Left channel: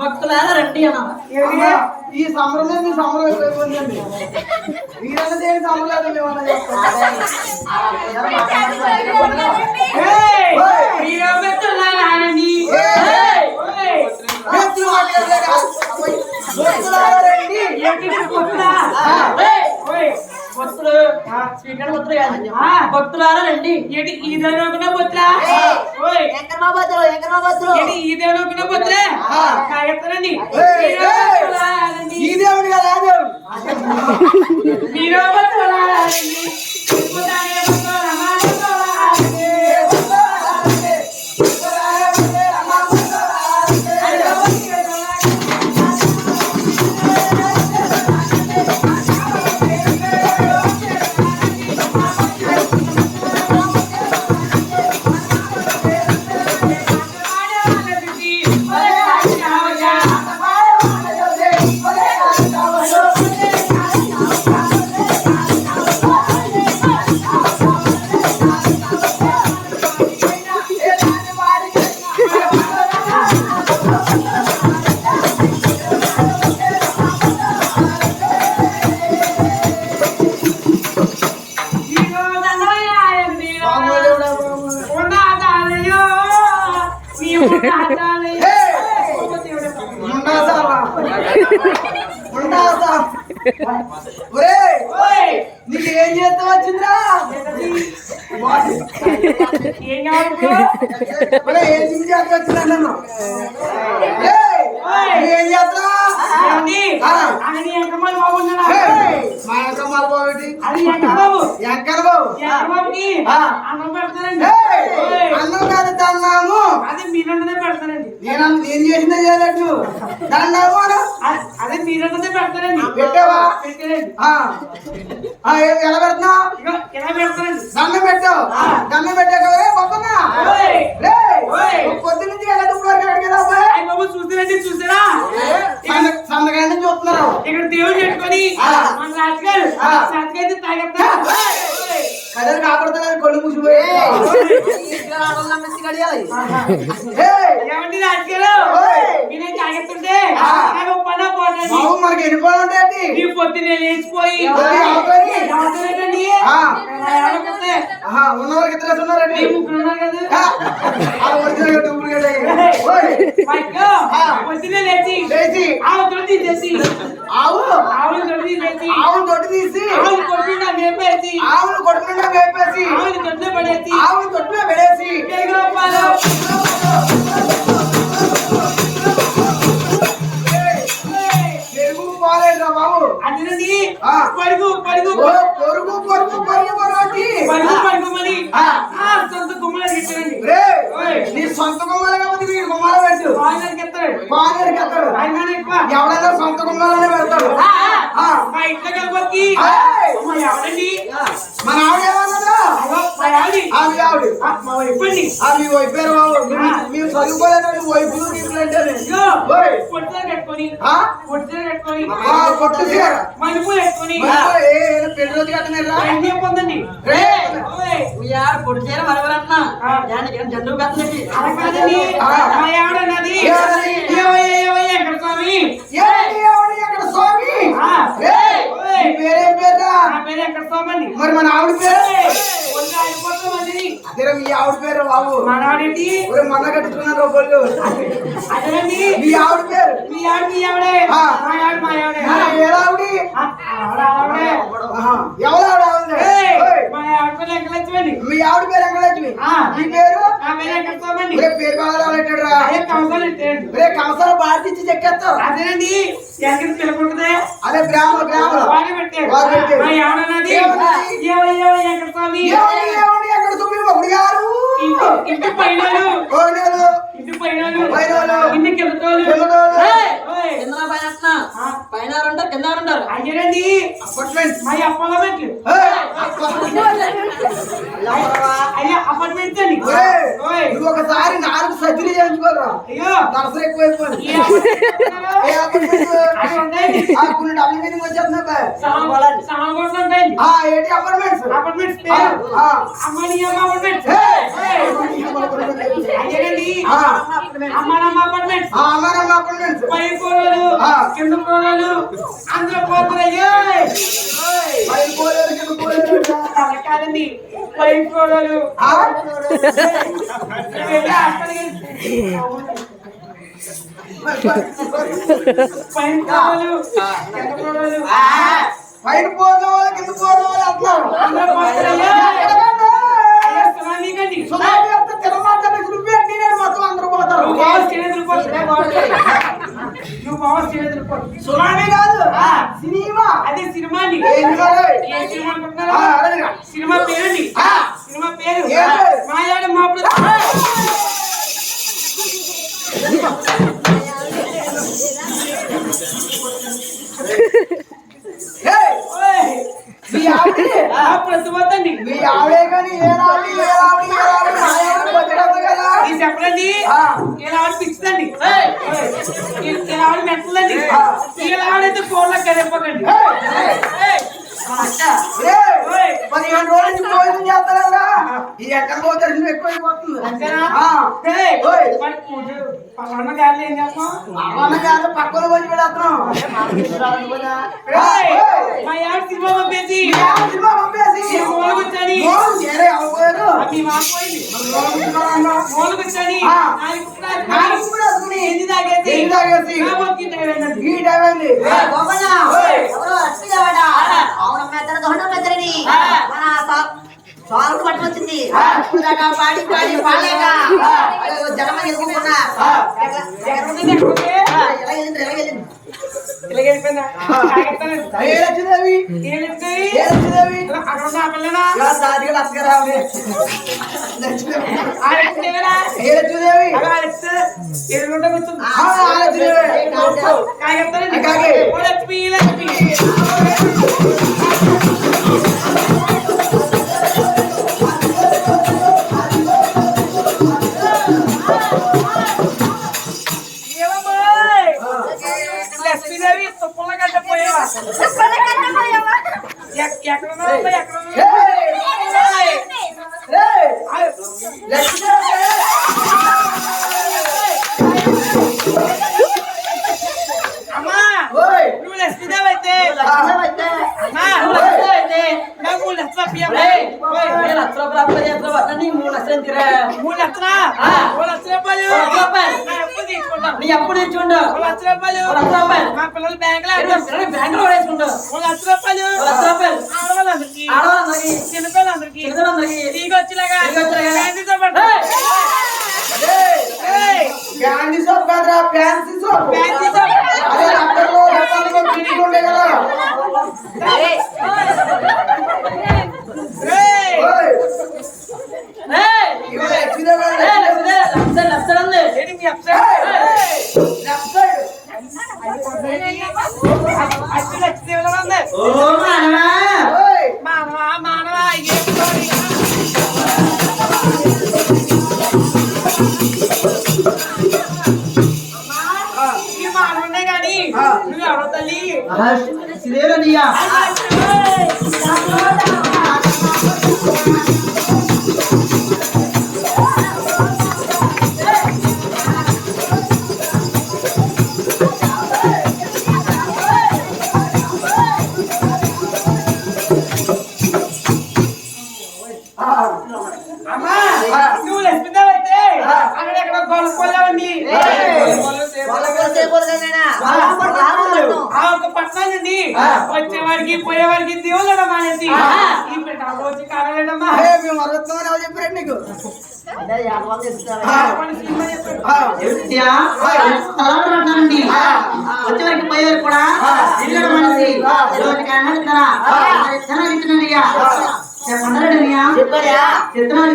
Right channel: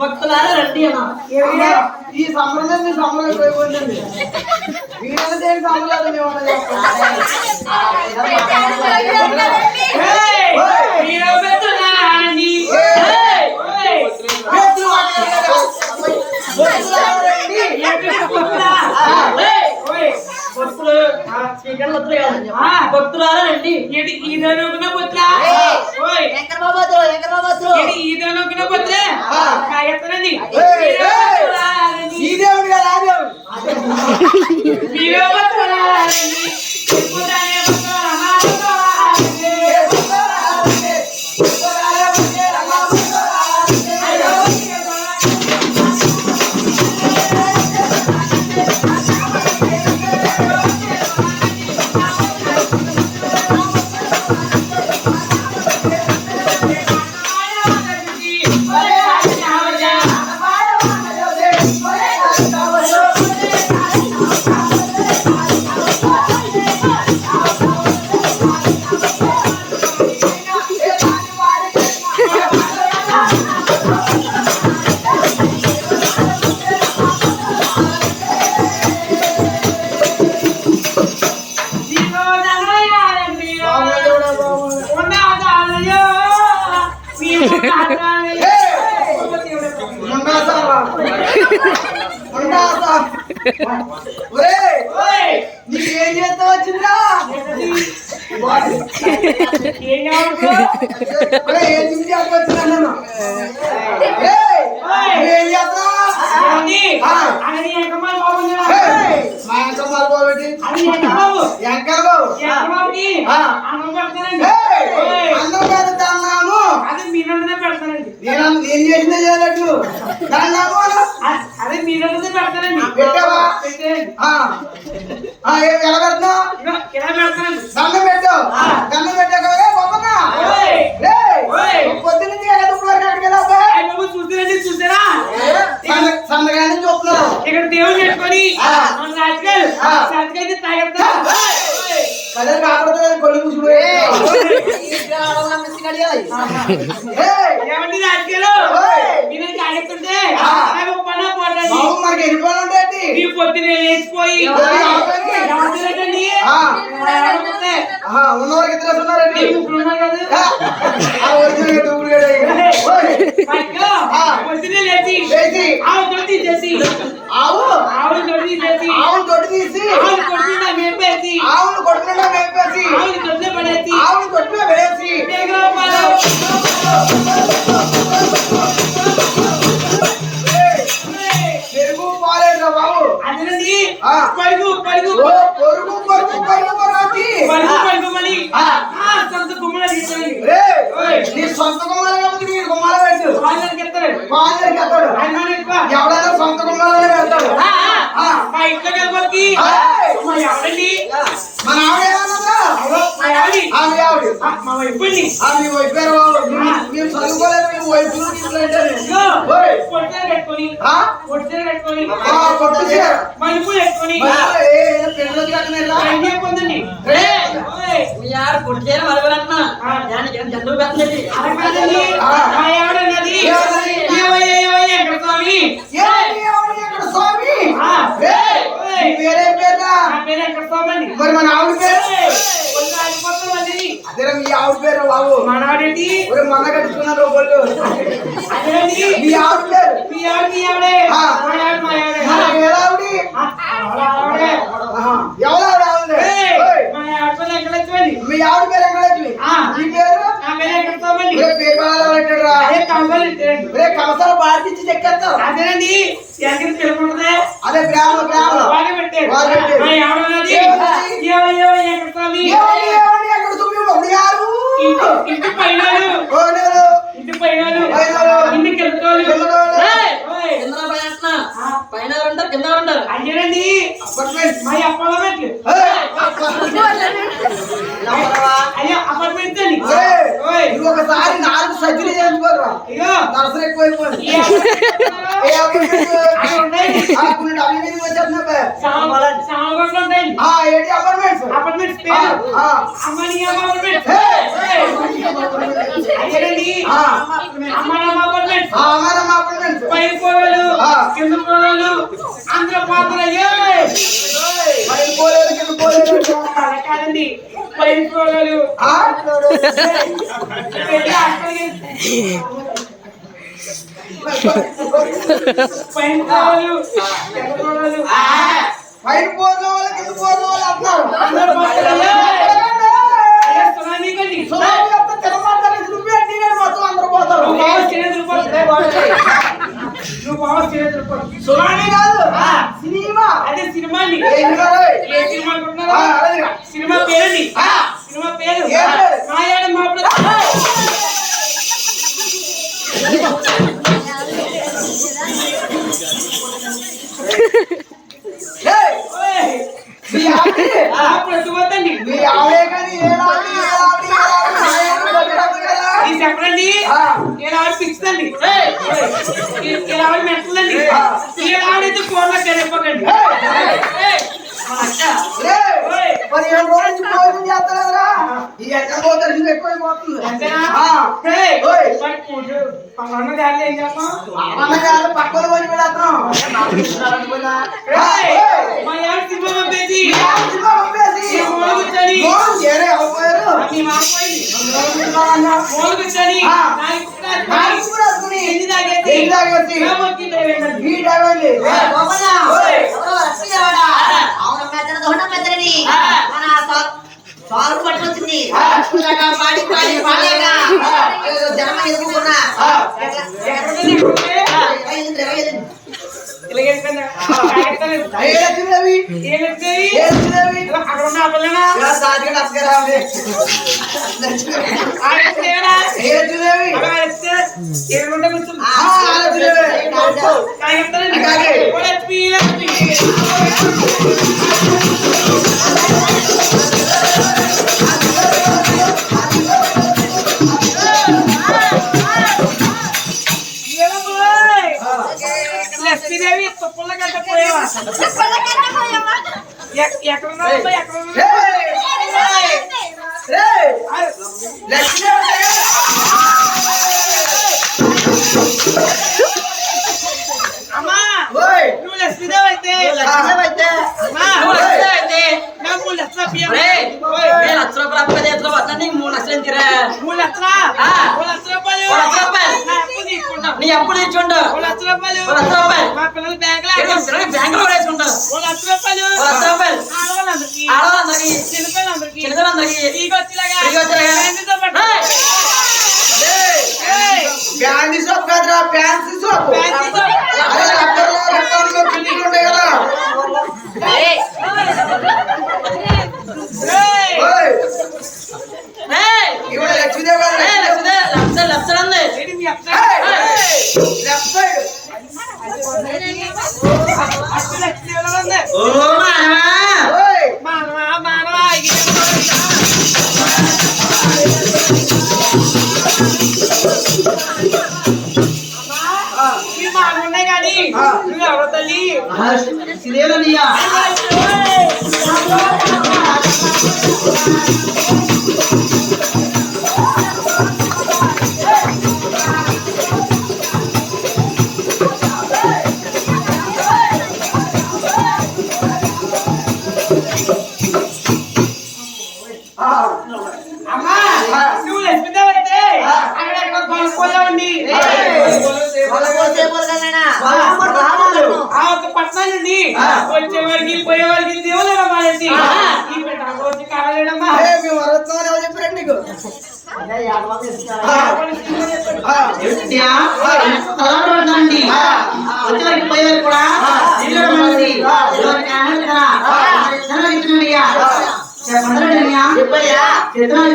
భక్తులారా రండి అన్న ఈ సంప్రదాయం సంప్రదాయం వీళ్ళ దేని సంప్రదాయం భక్తులారా రండి ఈ దేవుడు కదా నీకు ఏం చేస్తా వచ్చిందా ఏం చేస్తా అన్నం కాదు తన్నాము ఏం చేసినా చేయలేదు అదే మీరు పెడతానండి పెట్టావా ఎలా పెడుతున్నా దండం పెట్టావు దండం పెట్టాకవరే గొప్పనా పొద్దున్న ఎలా తున్నారు అక్కడికి చూసిరండి చూసారా సందగానే చూస్తున్నారు ఇక్కడ దేవుడు పెట్టుకొని సాటికైతే తాగెత్తా కథలు కాకూడదు కొళ్ళు కూసిపోయి ఏమండి రాజకీయాలు నేనే తాగెత్తుంటే మనకి ఎన్ని పనులు ఉంటాయండి నీ పొద్దునే లేచిపోయి ఉన్నవారికి ఇద్దరు ఉన్నారండి పొద్దునే లేచి ఆవును తీసేసి ఆవును దొడ్డు తీసి ఆవును కొడుతుండా మేపేసి ఆవును కొడుతుండా మేపేసి ఆవును దొడ్డు పడేసి ఆవును దొడ్డు పడేసి పెరుగు పాలేట్రా బాబు అదేనండి పరుగు పరుగు పొరుగు పొరుగు పరుగు పరుగు పరుగు పరుగుమని సొంత గుమ్మలు అడిగిస్తారండి నీ సొంత గుమ్మలు కాబట్టి మీరు గుమ్మలు పెట్టు పాలనకి ఎత్తాడు పాలనకి ఎత్తాడు ఎవడైనా సొంత గుమ్మలోనే పెడతాడు మా ఇంట్లో కలిపి ఎవరండి మన ఆవిడ మా వైపు అండి మీ వైపు మీరు చదువుకోలేదు మీ వైపు కట్టుకొని కొట్టు మలుపు పెట్టుకొని పెళ్ళి పొందండి మీ ఆడ పొడి చేయడం అడగలన్నా దానికి ఏం జంతువు పెట్టలేదు అడగదండి మా ఆవిడన్నది ఎక్కడ స్వామి ఎక్కడ స్వామి పేరే ఎక్కడ స్వామి అండి మరి మన ఆవిడ పేరు అదే అదే మీ ఆవిడ పేరు బాబు మనవాడేంటి మన కట్టుకున్నారు బొల్లు అదేనండి మీ ఆవిడ పేరు మీ ఆవిడే మా ఆవిడే ఎవరావిడి మా ఆవిడ ఎక్కడొచ్చండి మీ ఆవిడ పేరు వెంకటలక్ష్మి మీ పేరు నా పేరు ఎక్కడ స్వామి పేరు రే కమసాలు పాటించి చెక్కేస్తారు అదేనండి ఎక్కడ తెలుపుకుంటుందే అదే గ్రామంలో బాగా పెట్టారు మా ఆవిడన్నది ఎక్కడ స్వామి ఎక్కడ తుమ్మి మొగుడియారు ఇంటి పైన ఇంటి పైన ఇంటికి పైన ఉంటారు కింద ఉంటారు అయ్యారండి మా అపార్ట్మెంట్లు అయ్యా అపార్ట్మెంట్ అండి ఒకసారి 4 సర్జరీ చేయించుకోరు అయ్యో దర్శనం ఎక్కువైపోయింది ఏంటి అపార్ట్మెంట్స్ అపార్ట్మెంట్స్ అమ్మని అయ్యారండి అమ్మ అపార్ట్మెంట్స్ పై కోడలు కింద కోడలు అందరూ పోతారు అలా కాదండి పై కోడలు పైన కోడలు కింద కోడలు పైన పోయిన వాళ్ళు కింద పోయిన వాళ్ళు అంటున్నారు అందరూ పోతారు సునామీ కాదు సినిమా అదే సినిమా అండి ఏ సినిమా అనుకుంటున్నారా సినిమా పేరండి సినిమా పేరు మాయాడ మాప్పుడు ప్రతిపోతండి చెప్పండి ఇలా ఆవిడ పిచ్చిందండి ఇలా ఆవిడ మెట్టలండి ఇలా ఆవిడైతే ఫోన్లో కలిపకండి 15 రోజుల నుంచి భోజనం చేస్తారా ఈ ఎక్కడ పోతారు ఎక్కువైపోతుంది పక్కన పోయి పెడతాం సాగు పట్టుకొచ్చింది పాడి పాడి పాలేక జనం ఎదుర్కొన్నా లక్ష్మీదేవి తుప్పల గడ్డ పోయావా ఎక్కడ అమ్మా నువ్వు లక్ష్మీదేవి అయితే 3 లక్షలు 3 లక్షల రూపాయలు తీసుకుంటాం నీ అప్పు తీసుకుంటా 1 లక్ష రూపాయలు మా పిల్లలు బ్యాంకులో వేసుకుంటాం 1 లక్ష రూపాయలు ఆడవాళ్ళందరికీ చిన్నపిల్లలందరికీ నీకు వచ్చేలాగా ప్యాంటీ షాప్ కాదురా ఫ్యాన్సీ షాప్ ఉంటాయి కదా నువ్వు ఎవరో తల్లి శ్రీదేవయ్యా వచ్చే వారికి పోయే వారికి దేవుళ్ళ మానేసి ఈ పెట్ట వచ్చి కావాలేడమ్మా మేము వరవచ్చామని ఎవరు చెప్పారండి నీకు అదే యాదవాళ్ళు ఎత్తుకోవాలి. ఏమిటియా? తలాంటి పడతానండి. వచ్చేవారికి పోయేవారికి కూడా దేవుళ్ళ మనిషి ఎవరికి అన్నాడు కదా ఇస్తున్నాడు అయ్యా చెప్పండి చెప్పయ్యా చెప్తున్నాను